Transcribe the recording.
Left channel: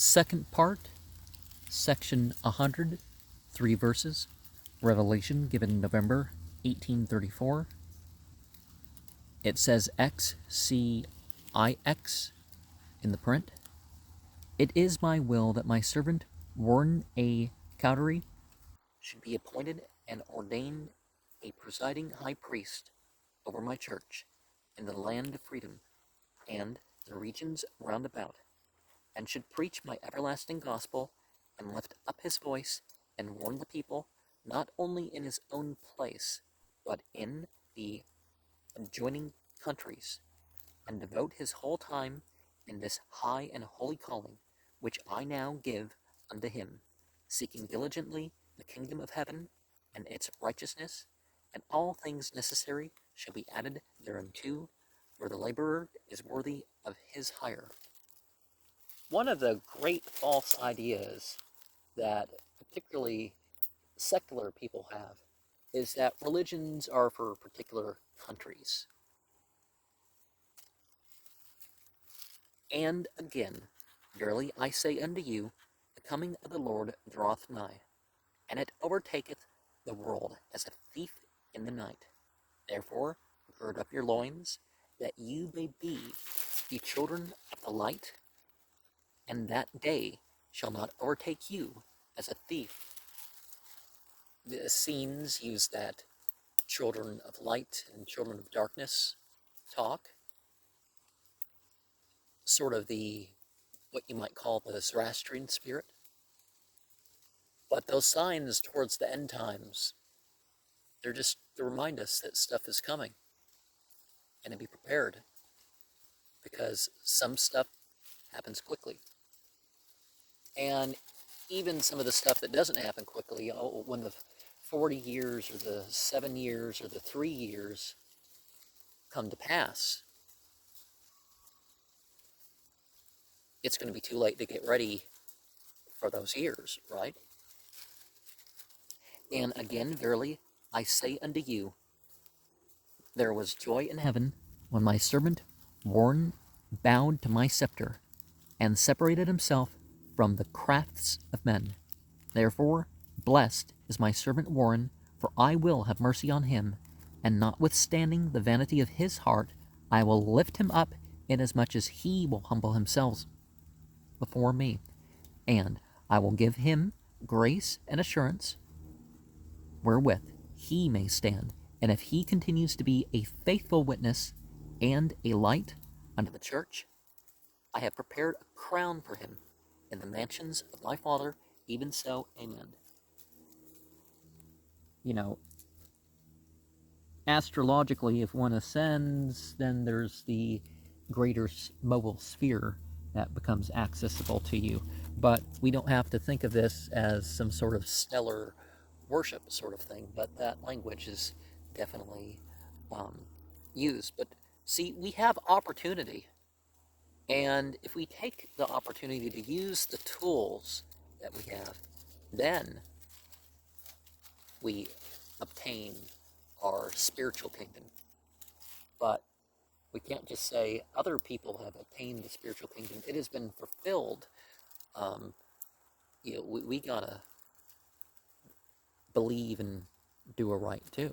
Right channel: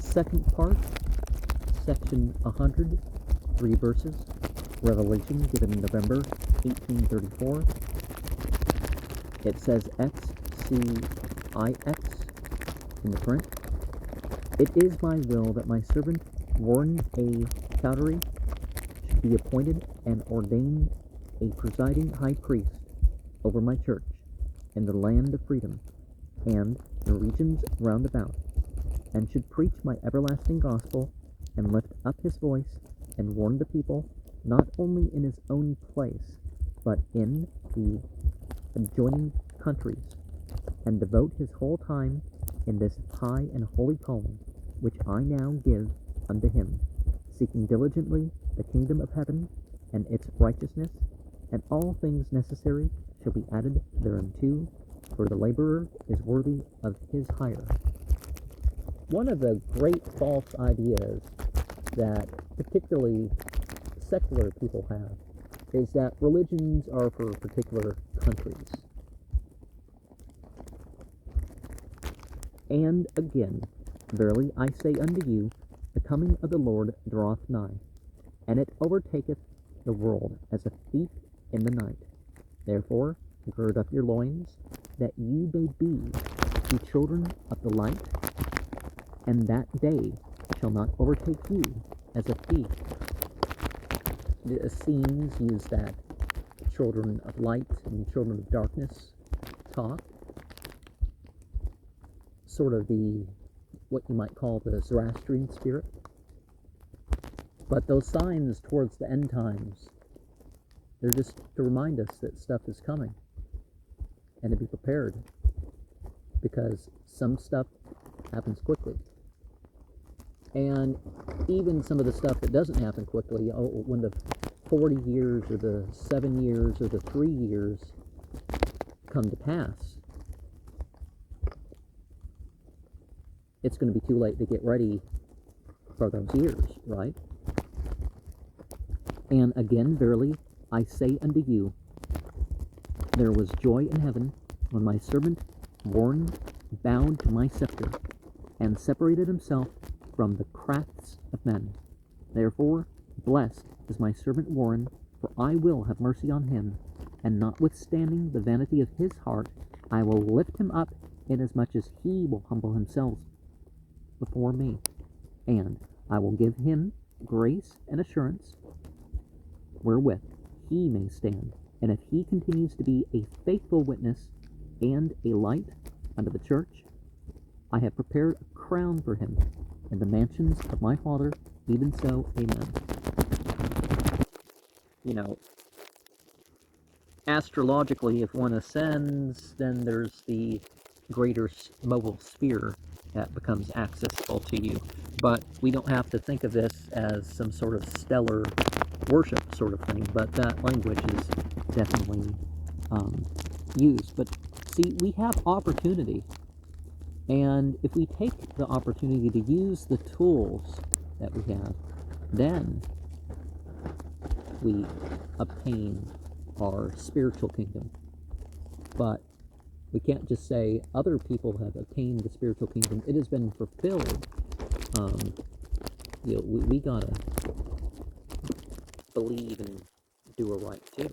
Second part, section 100, 3 verses, Revelation given November 1834. It says XCIX in the print. It is my will that my servant Warren A. Cowdery should be appointed and ordained a presiding high priest over my church in the land of freedom and the regions round about, and should preach my everlasting gospel and lift up his voice and warn the people not only in his own place but in the adjoining countries, and devote his whole time in this high and holy calling which I now give unto him, seeking diligently the kingdom of heaven and its righteousness, and all things necessary shall be added thereunto, for the laborer is worthy of his hire. One of the great false ideas that particularly secular people have is that religions are for particular countries. And again, verily I say unto you, the coming of the Lord draweth nigh, and it overtaketh the world as a thief in the night. Therefore gird up your loins, that you may be the children of the light, and that day shall not overtake you as a thief. The Essenes use that children of light and children of darkness talk, sort of what you might call the Zoroastrian spirit. But those signs towards the end times, they're just to remind us that stuff is coming and to be prepared, because some stuff happens quickly. And even some of the stuff that doesn't happen quickly, when the 40 years or the 7 years or the 3 years come to pass, it's going to be too late to get ready for those years, right? And again, verily, I say unto you, there was joy in heaven when my servant Warren bowed to my scepter and separated himself from the crafts of men. Therefore, blessed is my servant Warren, for I will have mercy on him, and notwithstanding the vanity of his heart, I will lift him up, inasmuch as he will humble himself before me, and I will give him grace and assurance, wherewith he may stand. And if he continues to be a faithful witness and a light unto the church, I have prepared a crown for him in the mansions of my Father, even so, amen. You know, astrologically, if one ascends, then there's the greater mobile sphere that becomes accessible to you. But we don't have to think of this as some sort of stellar worship sort of thing, but that language is definitely used. But see, we have opportunity, and if we take the opportunity to use the tools that we have, then we obtain our spiritual kingdom. But we can't just say other people have attained the spiritual kingdom. It has been fulfilled. We gotta believe and do it right too.